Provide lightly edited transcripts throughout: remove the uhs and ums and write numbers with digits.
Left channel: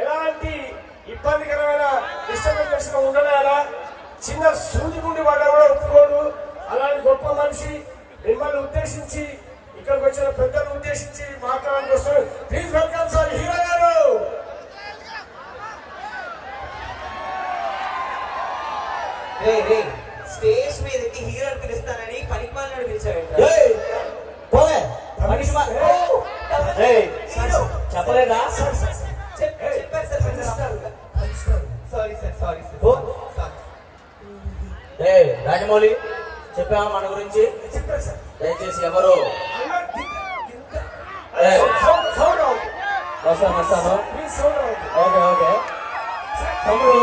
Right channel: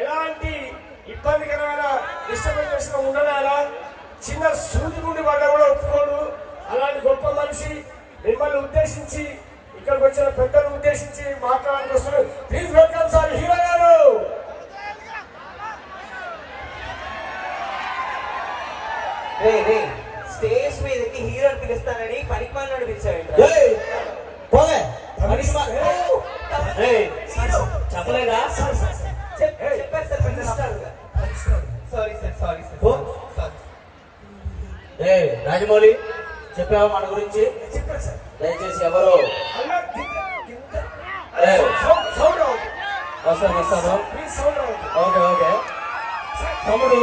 ఎలాంటి ఇబ్బందికరమైన డిస్టర్బెన్స్ ఉండలేదా చిన్న సూది నుండి వాళ్ళ కూడా ఒప్పుకోడు. అలాంటి గొప్ప మనిషి మిమ్మల్ని ఉద్దేశించి ఇక్కడికి వచ్చిన పెద్దలను ఉద్దేశించి మాట్లాడడానికి వస్తారు. ప్లీజ్ వెల్కమ్ సార్ హీరో గారు. స్టేజ్ మీదకి హీరో పిలుస్తానని పనికిమాలను పిలిచాడు. చెప్పలేదా? రాజమౌళి చెప్పాము మన గురించి. దయచేసి ఎవరు వస్తాను. ఓకే ఓకే తమ్ముడు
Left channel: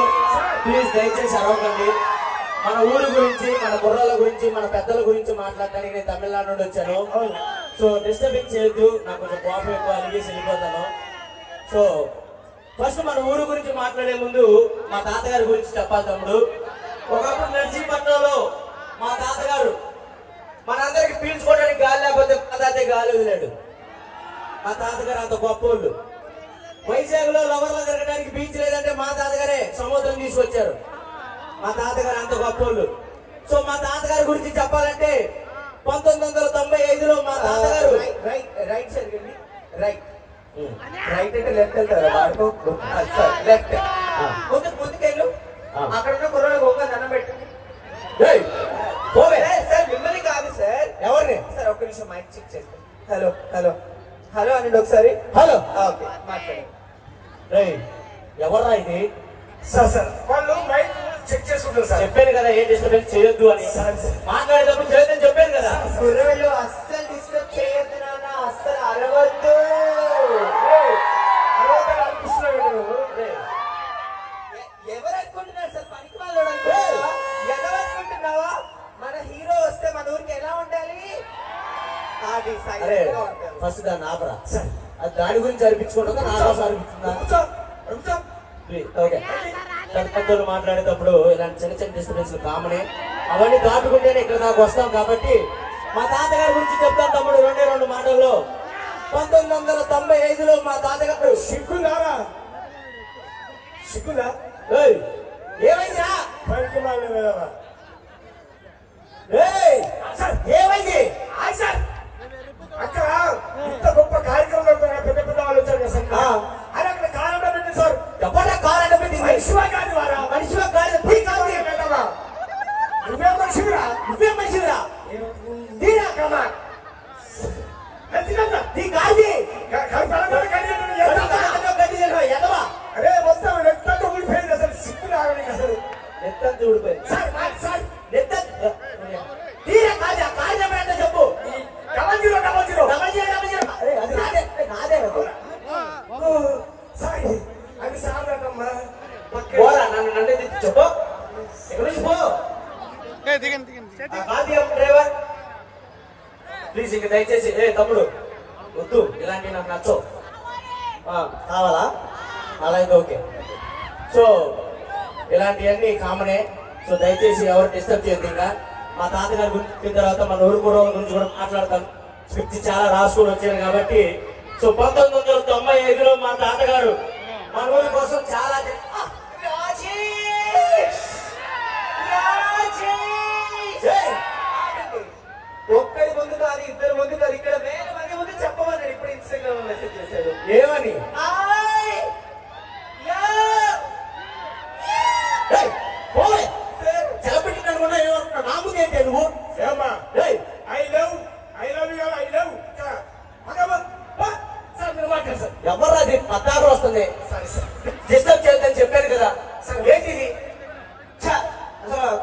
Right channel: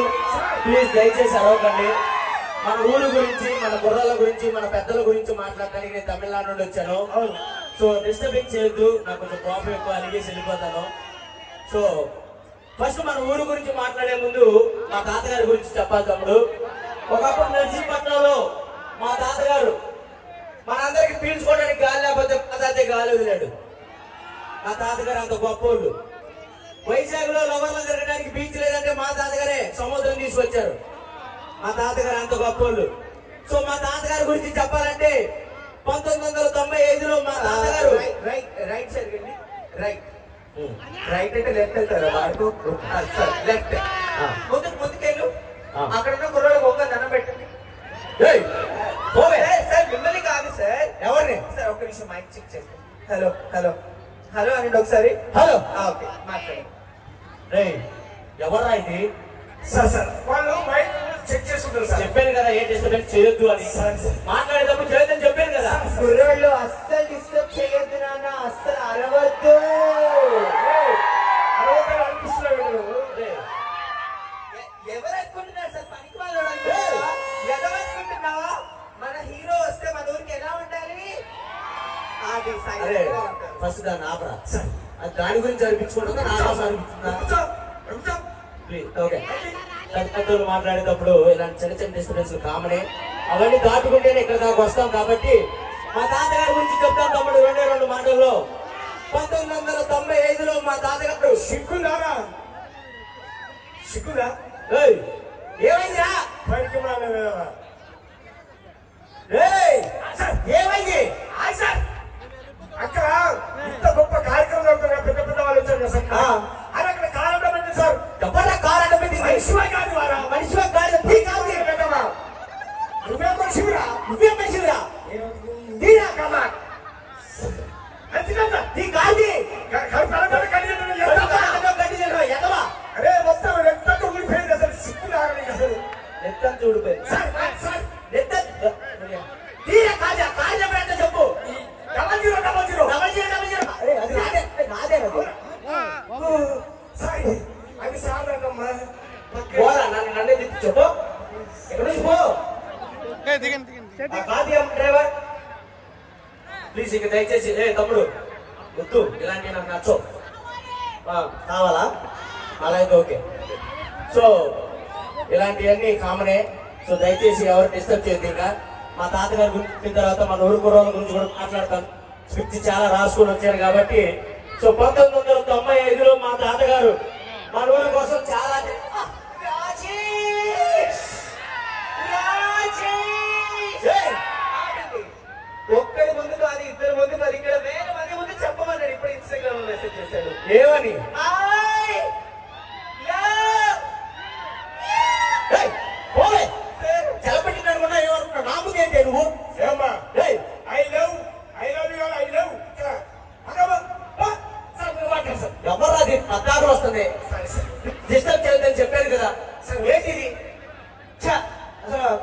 ప్లీజ్ దయచేసి అరవకండి. మన ఊరి గురించి, మన బుర్రాల గురించి, మన పెద్దల గురించి మాట్లాడటానికి నేను తమిళనాడు నుండి వచ్చాను. సో డిస్టర్బింగ్ చేయొద్దు, నాకు కొంచెం కోపం ఎక్కువ, అలిగేసి వెళ్ళిపోతాను. సో ఫస్ట్ మన ఊరి గురించి మాట్లాడే ముందు మా తాతగారి గురించి చెప్పాలి తమ్ముడు. ఒకప్పుడు నర్సీపట్నంలో మా తాతగారు మనందరికి పీల్చుకోవడానికి గాలి లేకపోతే మా తాతే గాలి వదిలాడు. మా తాతగారు అంత గొప్పోళ్ళు. వైజాగ్ లో లవర్లు తిరగడానికి బీచ్ లేదంటే మా తాతగారే సముద్రం తీసుకొచ్చారు. మా తాతగారు అంత గొప్పోళ్ళు. సో మా తాతగారి గురించి చెప్పాలంటే 1995లో మా తాతగారు రైట్ సైడ్ అండి. రైట్ అంటే లెఫ్ట్ వెళ్తారు. లెఫ్ట్ ముందుకెళ్ళు. అక్కడ ఉన్న కుర్రాడు గొంగ దండం పెట్టండి. సార్ మిమ్మల్ని కాదు సార్. ఎవరిని సార్ ఒక్క నిమిషం మైక్ చెక్ చేస్తాను. హలో హలో హలో అనండి ఒకసారి. హలో ఓకే మాట్లాడండి. ఎవరా ఇది? సార్ వాళ్ళు మైక్ చెక్ చేసుకుంటారు సార్. చెప్పాను కదా ఏ డిస్టర్బెన్స్ చేయొద్దు అని. మాట్లాడేటప్పుడు చేయొద్దని చెప్పాను కదా. కుర్రాళ్ళు అస్సలు డిస్టర్బ్ చేయొద్దు నాన్న, అస్సలు అరవద్దు. ఎవరు అనుకుంటున్నారు సార్? పనికి వాళ్ళు ఎవరనుకుంటున్నావా? మన హీరో వస్తే మన ఊరికి ఎలా ఉండాలి? అది ఫస్ట్ దాన్ని ఆపరా. అది దాని గురించి అనిపించుకుంటుందా నా కోసం అనిపిస్తుందా? ఓకే పెద్దలు మాట్లాడేటప్పుడు ఇలాంటి చిన్న చిన్న డిస్టర్బెన్స్ కామనే. అవన్నీ దాటుకుంటేనే ఇక్కడ దాకా వస్తాం. కాబట్టి మా తాతగారి గురించి చెప్తాను తమ్ముడు. 2 మాటల్లో 1995లో మా తాతగారు సిగ్గుందా ఏమైందిరా? ఏమైంది? అక్కడ ఇంత గొప్ప కార్యక్రమం జరుగుతున్నా పెద్ద పెద్ద వాళ్ళు వచ్చారు కదా సార్. అది అక్కడ కారణం పెట్టండి సార్. ఎవరా కారు అడ్డం పెట్టింది? మనిషివా కాదు వారా? మనిషివా కాదు. నువ్వే మనిషివిరా. నువ్వే మనిషివిరా. తీరా కన్నా నీ గాడి ఎదవా. అరే మొత్తం నెత్తంతా ఊడిపోయింది అసలు. సిగ్గు రావని అసలు నెత్తంతా ఊడిపోయింది. తీరా కాదు. ఆ కాదు చెప్పండి చెప్పు. డబల్ జీరో అరే అది నాదే సార్. అది సార్ అన్నమ్మా. పోరా నన్ను చెప్పు. ఇక్కడ నుంచి పో. డ్రైవర్ ప్లీజ్ ఇక దయచేసి. తమ్ముడు వద్దు, ఇలాంటివి నాకు నచ్చవు. కావాలా? అలా అయితే ఓకే. సో ఇలాంటివన్నీ కామనే. సో దయచేసి ఎవరు డిస్టర్బ్ చేయొద్దు. ఇంకా మా తాతగారి గురించి తర్వాత మన ఊరు కుర్రోళ్ళ గురించి కూడా మాట్లాడతాను. స్క్రిప్ట్ చాలా రాసుకొని వచ్చారు కాబట్టి. సో 1995లో మా తాతగారు మన ఊరి కోసం చాలా ఒక్కడి ముందు కాదు, ఇద్దరు ముందు కాదు, ఇక్కడ వేల మంది ముందు చెప్పమన్నాడు. ఇప్పుడు ఇన్స్టాగ్రామ్ మెసేజ్ చేశాడు. ఏమని? సెలబ్రిటీ అనుకున్నా ఏమనుకున్నా? నా ముందు ఏంటి నువ్వు? ఎవరు పద్దాకు వస్తుంది. డిస్టర్బ్ చేయొద్దని చెప్పాను కదా. ఏంటిది?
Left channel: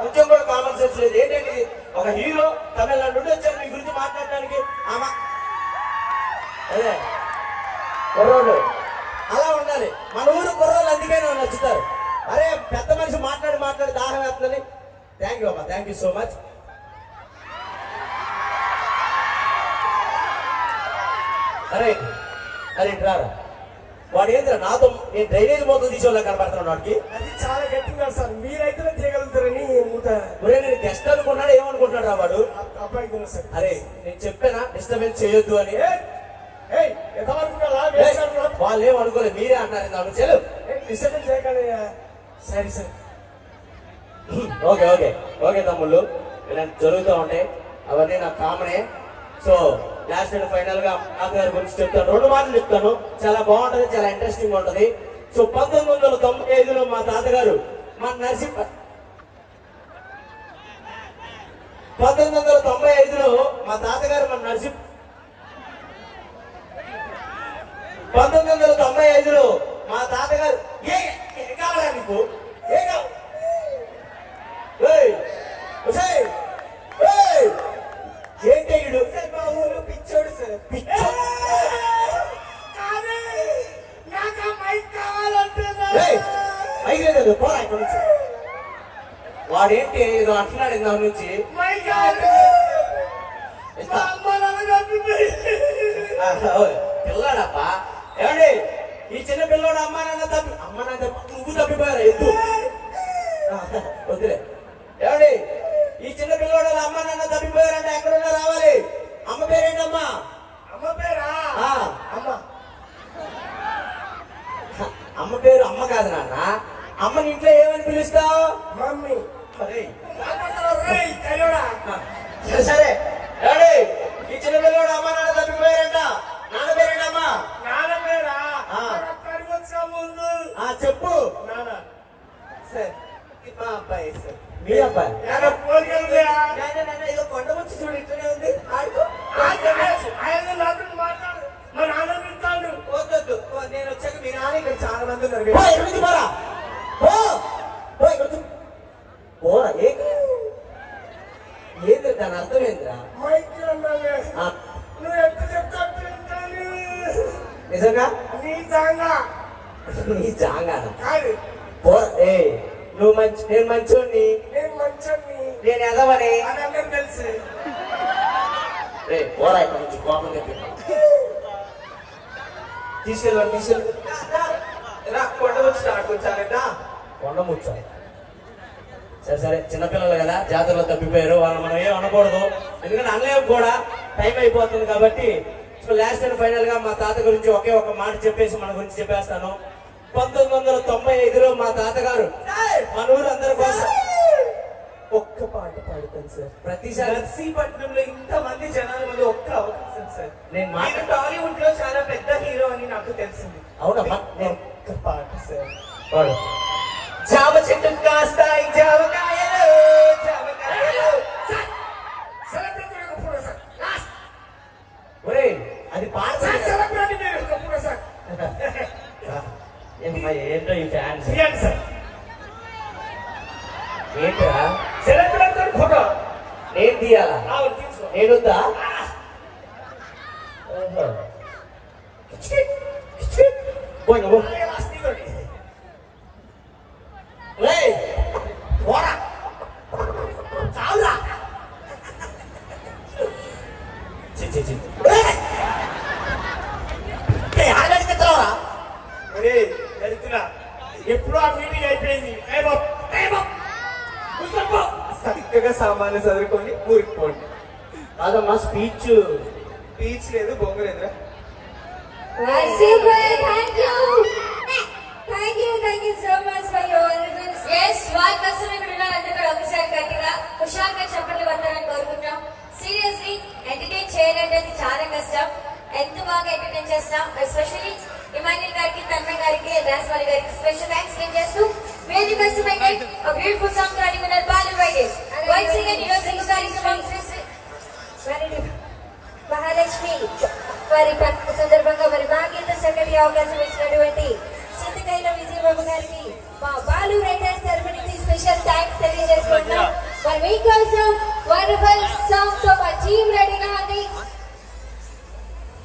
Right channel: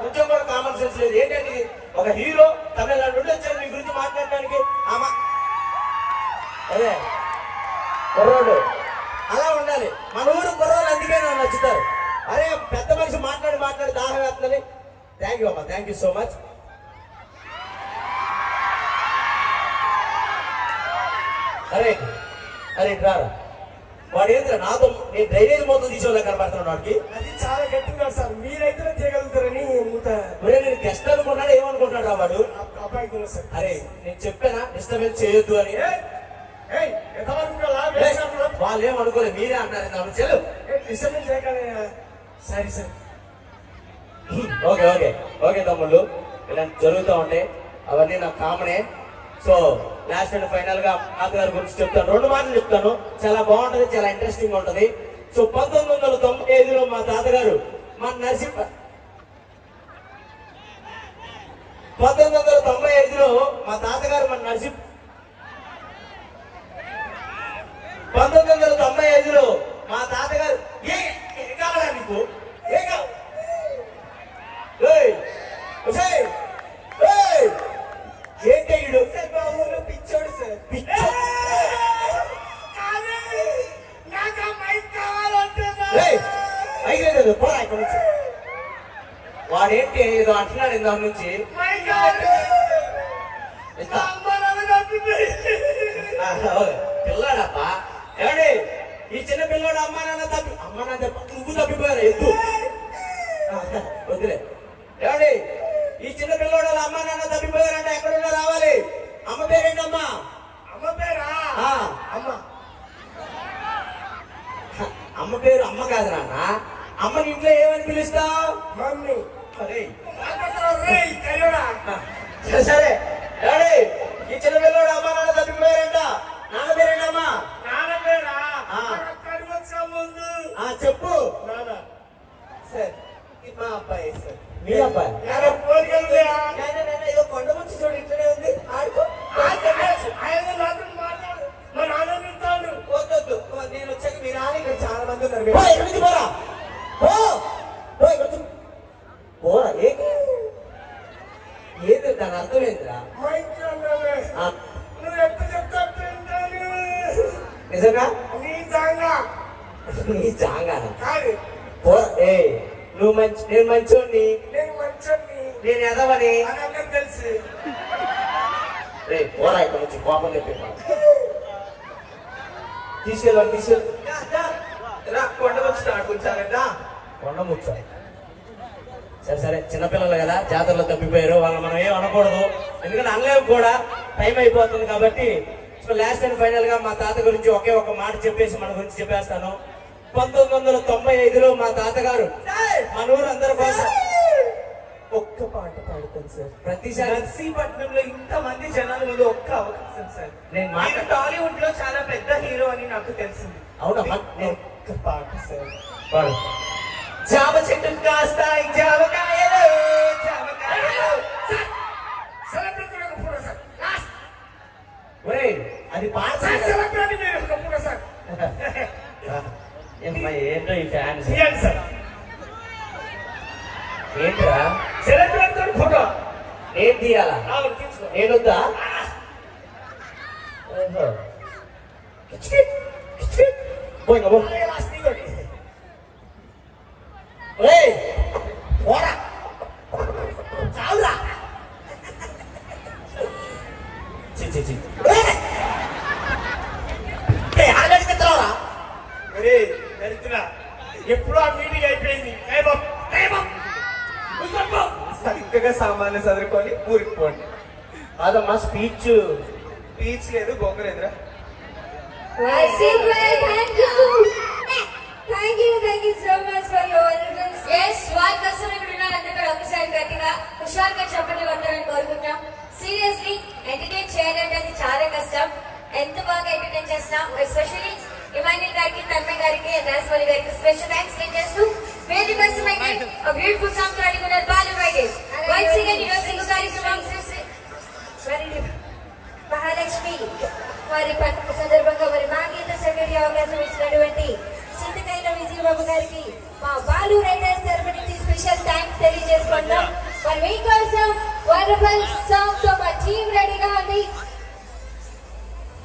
కొంచెం కూడా కామన్ సెన్స్ లేదు. ఏంటంటే ఒక హీరో తమిళనాడు నుండి వచ్చారు మీ గురించి మాట్లాడడానికి. అదే కుర్రోడు అలా ఉండాలి. మన ఊరు కుర్రోళ్ళు అందుకే నాకు నచ్చుతారు. అరే పెద్ద మనిషి మాట్లాడి దాహం వేస్తుందని. థ్యాంక్ యూ అమ్మా, థ్యాంక్ యూ సో మచ్. అరే అరే రారా. వాడు ఏంద్రా నాతో నేను డ్రైనేజ్ మొత్తం తీసేవాళ్ళ కనబడుతున్నాడు. వాడికి అది చాలా గట్టిగా సార్. మీరైతే చేయగలుగుతారని నేను గెస్ట్ అనుకున్నాడు. ఏమనుకుంటున్నాడు రా వాడు? అబ్బాయి తెలుసు సార్. అరే నేను చెప్పానా డిస్టర్బెన్స్ చేయొద్దు అని. ఎంతవరకు వాళ్ళు ఏం అనుకోలేదు, మీరే అన్నారు ఇందాక నుంచి. డిస్టర్బెన్స్ చేయకండి. సరే సరే ఓకే ఓకే ఓకే తమ్ముళ్ళు, ఇలాంటి జరుగుతూ ఉంటాయి, అవన్నీ నాకు కామనే. సో లాస్ట్ అండ్ ఫైనల్ గా తాతగారి గురించి చెప్తాను, 2 మాటలు చెప్తాను. చాలా బాగుంటది, చాలా ఇంట్రెస్టింగ్ ఉంటది. సో 1995లో మా తాతగారు మన 1995లో మా తాతగారు మన 1995లో మా తాతగారు ఏ కావాలా నీకు? ఏ కావాలి? ఏంటయ్యుడు పిచ్చోడు సార్. అయ్యేది పోరా ఇక్కడ నుంచి. వాడేంటి ఏదో అంటున్నాడు ఇందాక నుంచి. పిల్లాడప్పా, ఏమండి ఈ చిన్న పిల్లోడు అమ్మ నాన్న నువ్వు తప్పిపోయారా? ఎద్దు వద్దులే. ఏమండి ఈ చిన్న పిల్లోడు అమ్మ నాన్న తప్పిపోయారంటే ఎక్కడున్నా రావాలి. అమ్మ పేరేంటమ్మా? అమ్మ పేరా? అమ్మ అమ్మ పేరు అమ్మ కాదు నాన్న. అమ్మని ఇంట్లో ఏమని పిలుస్తావు? మమ్మీ. సరే ఏమండి ఈ చిన్న పిల్లోడు అమ్మ నాన్న తప్పిపోయారంట, నాన్న పేరేంటమ్మా? నాన్న పేరా? ముందు చెప్పు. నాన్న సార్ మా అబ్బాయి సార్. మీ అబ్బాయి? ఏదో కొండ ముచ్చి చూడు ఇట్లనే ఉంది, ఆడుకో. మాట్లాడు, మా నాన్న పిలుస్తాడు. వద్దొద్దు, నేను వచ్చాక మీ నాన్న ఇక్కడ చాలా మంది ఉన్నారు. పోరా ఏది దాని అర్థం ఏంద్రా? నువ్వు ఎంత చెప్తా నిజంగా నీ జాంగా నీ జాంగా కాదు. పోరా నువ్వు మంచి, నేను మంచోడిని, నేను మంచోడిని, నేను ఎదవని అని అందరికి తెలుసు. పోరా ఇక్కడ నుంచి కోపం చెప్పినా. తీసుకెళ్ళండి కొండ ముచ్చి కొంచెం కొండ ముచ్చ. సరే సరే చిన్నపిల్లలు కదా, జాతరలో తప్పిపోయారు, వాళ్ళని మనం ఏం అనకూడదు, ఎందుకంటే అనలేము కూడా, టైం అయిపోతుంది కాబట్టి. సో లాస్ట్ అండ్ ఫైనల్ గా మా తాత గురించి ఒకే ఒక మాట చెప్పేసి మన గురించి చెప్పేస్తాను. 1995లో మా తాతగారు మన ఊరు అందరి కోసం ఒక్క పాట పాడుతాను సార్. ప్రతిసారి నర్సీపట్నంలో ఇంతమంది జనాల ముందు ఒక్క అవకాశం సార్. నేను టాలీవుడ్ లో చాలా పెద్ద హీరో అని నాకు తెలిసింది. అవునమ్మా, ఒక్క పాట సార్. పాడు. జామ చెట్టు కాస్తాయి జామకాయలు, జామకాయలు. సెలబ్రిటీ ఒక ఫోటో సార్. ఒరే అది పాట సెలబ్రిటీ మీరు ఒక ఫోటో సార్. ఏంటో ఈ ఫ్యాన్స్ తీయండి సార్. ఏంట్రా? సెలబ్రిటీ ఫోటో నేను తీయాలా? తీసుకో. నేనుద్దా? ఎప్పుడు ఆ మీటింగ్ అయిపోయింది. చక్కగా సామాన్లు చదువుకొని ఊరికి పోండి. అదమ్మా స్పీచ్ బీచ్ లేదు, బొంగలేదురా. Thank you so much for your wonderful. Yes, one person ఇక్కడ ఉన్నారంటే ఒకసారి గట్టిగా హుషారుగా చెప్పండి వందనాన్ని కోరుకుంటాం. సీరియస్లీ ఎంటర్టైన్ చేయాలంటే అది చాలా కష్టం. ఎంత బాగా ఎంటర్టైన్ చేస్తాం. ఎస్పెషల్లీ ఇమాన్యుల్ గారికి, తన్మయ్ గారికి, రాస్వాలి గారికి స్పెషల్ థ్యాంక్స్ నేను చేస్తూ వేది బస్ మైకి ఒక బ్యూటిఫుల్ సాంగ్ రెడీ ఉన్నారు బాలు వైదేశ్. వన్స్ అగైన్ ఈ రోజు కార్యక్రమం మహాలక్ష్మి వారి పండుగ సందర్భంగా మరి మా గీత సంగతి అవకాశం ఇచ్చినటువంటి చింతకైన విజయబాబు గారికి మా బాలు రైడర్స్ తరఫు నుంచి స్పెషల్ థ్యాంక్స్ తెలియజేసుకుంటున్నాం. మరి మీకోసం వండర్ఫుల్ సాంగ్ తో మా టీం రెడీగా ఉంది.